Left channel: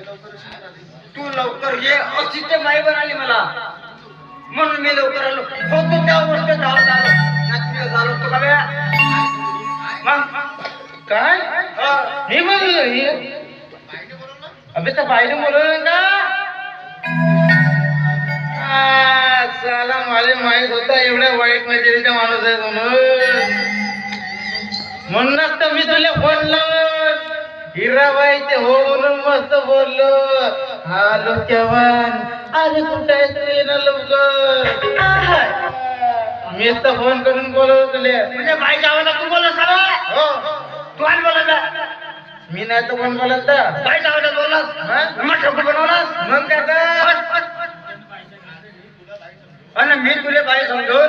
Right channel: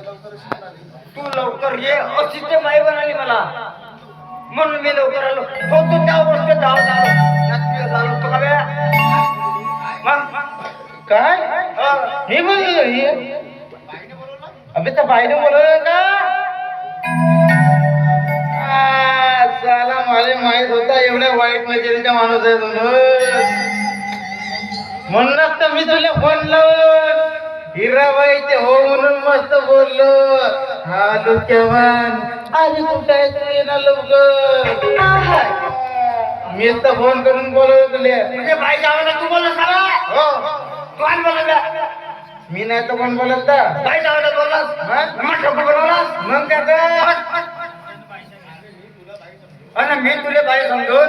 तू लवकर ये अशी ते बाई बनाली मला, म्हणून मी लवकर आलो. हो तू त्या गोष्ट धावत आलो तो का काय हे बोल अबे त्या बाईने बोलवलं का? साला मला माहित होता एवढ्या वाईट नजरेचा माणूस आहे म्हणूनच तर मी तुला फोन लावून हिराबाई ते हो म्हणून मस्त बोललो. हॅलो चव्हाण, अरे कुठे आहे तू? ये ना लवकर. मीच तर फोन करून बोलवलं तुले. म्हणजे बाईच्या आवाजात तू बोलला सगळा? हो तू आणि बोलला मी नाही तर कोण बोलत का? बाईच्या आवाजात बोललास, मग ठोको बनवलास. मग काय तर? आणि मी तुला बाई समजून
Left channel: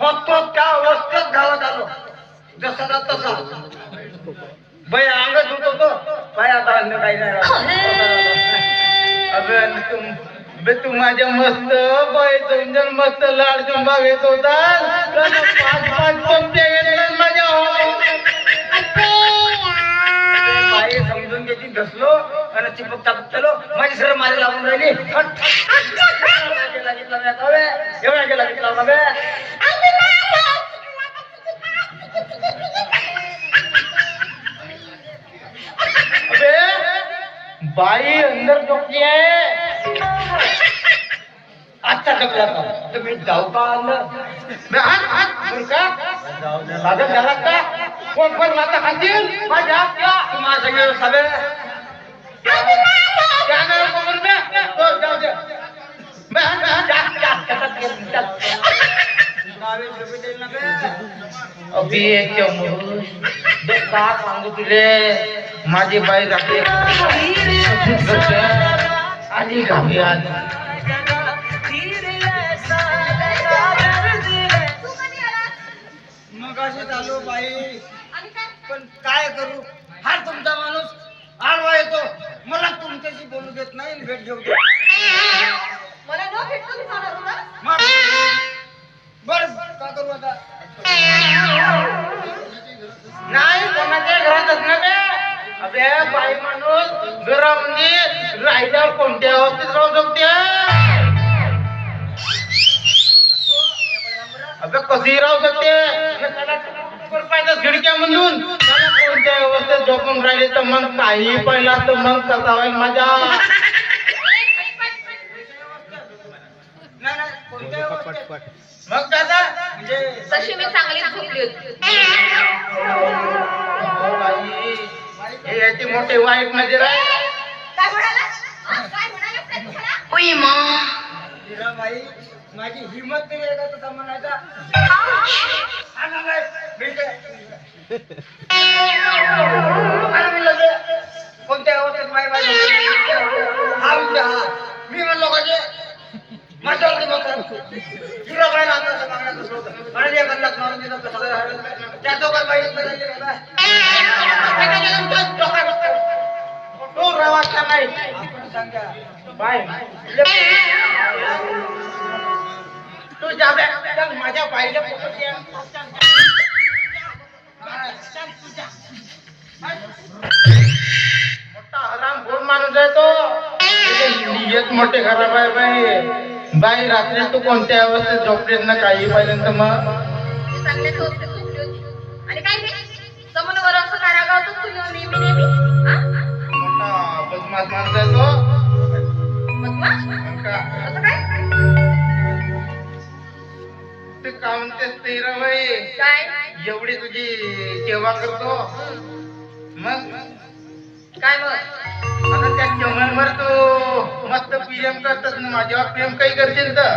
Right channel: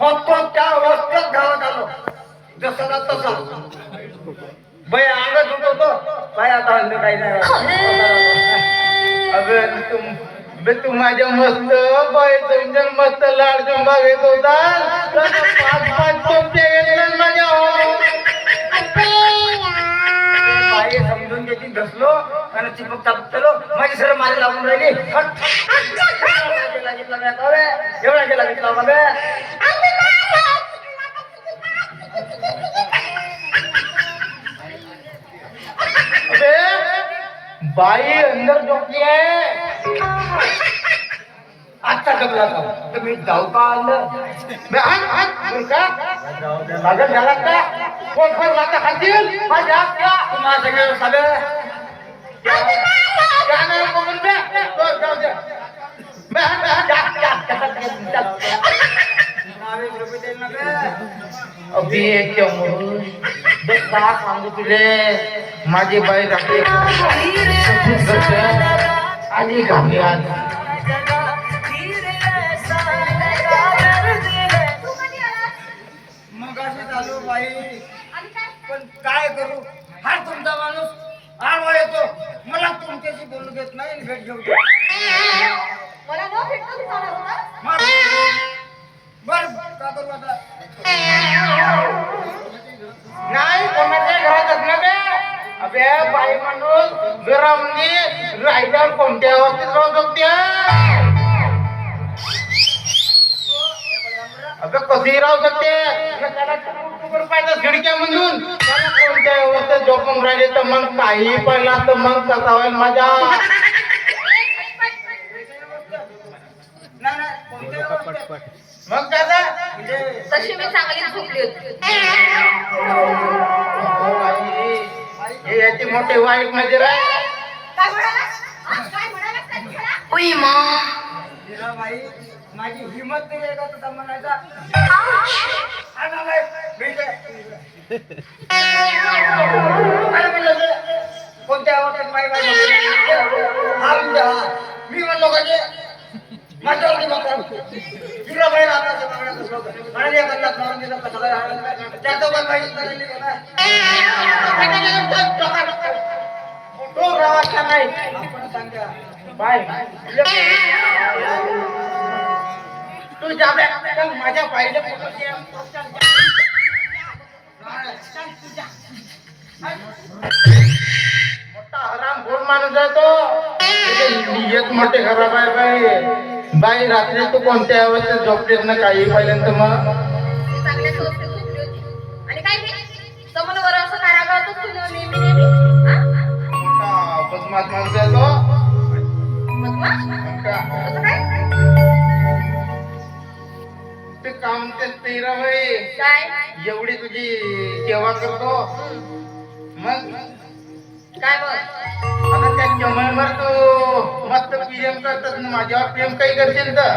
फक्त त्या अवस्थेत गावात आलो, जसा ना तसा. बाई अंगत होतो बाई, आता अंग काही नाही. अगं तू माझ्या मस्त बाई तुमच्या मस्त लाड चुंबा घेत होता. पाच पाच चमचे घेतले माझ्या बाई समजून घेतली, घसलो आणि चिपक चापक केलो. माझी सर माझी लागून राहिली. एवढा गेला घेतला बे. बाई अंदर झोपली आहे. आजचा टकला तुम्ही जाऊ का आलं लागत झाला का? कोण कोण माता खातील माझ्या तुम्हाला सगळे सगळं सांगू तुले माझी बाई रात्री आणि घामी आज मग असे चालू बाई. पण काय करू, हा तुमचा माणूस आडवा येतो, मला तुमच्याशी बोलू देत नाही, भेट घेऊ देत बर. का करू आता? नाही कोणाच्या घरात असणार का? अबे बाई माणूस घरामध्ये राहिल्यावर कोणत्या अवस्थेत राहू शकते? अबे कधी राहू शकते? खिडक्या मधून कोणत्या अवस्थेत झोपून राहिले तर मग काही पहिला तर मग कसा होईल माझ्या? मग दादा म्हणजे तशी मी चांगली झोपली होती. हे याची मोठी वाईट नजर आहे. काय म्हणालास? काय म्हणालास काय तुम्हाला? उई मा. तिला बाई माझी हिंमत नाही आहे का तुझा म्हणायचा? कोणत्या अवस्थेत माई बाई मी म्हणलो माझे माझ्या तिला बाई आता मागण्यात असलो आणि बदलात मारून दिला तसं त्याचं पण काही तो रावाचा नाही. आपण सांगा बाय तू जा माझ्या बाईला मोठा हराम घोर माणूस आहे तो. नियत मोठे खराब आहे बाई. बाई रात्री तू कोणत्या अवस्थेत झोपलीस ना काही पर्यंत मग चांगल्या झोपली होती. आणि काय रे? समोर असं कारागारातच तुम्ही नेहमी मोठा बदमाश माणूस आहे तो. बदमाश? मग का? असं काय? ते का म्हणतेस ते बाई काय? एवढी तुझी सेवा करतो मग काय मग? आता त्या चमनवर तू मस्त प्रेम करतात ना माझ्यावर प्रेम काही करशील तर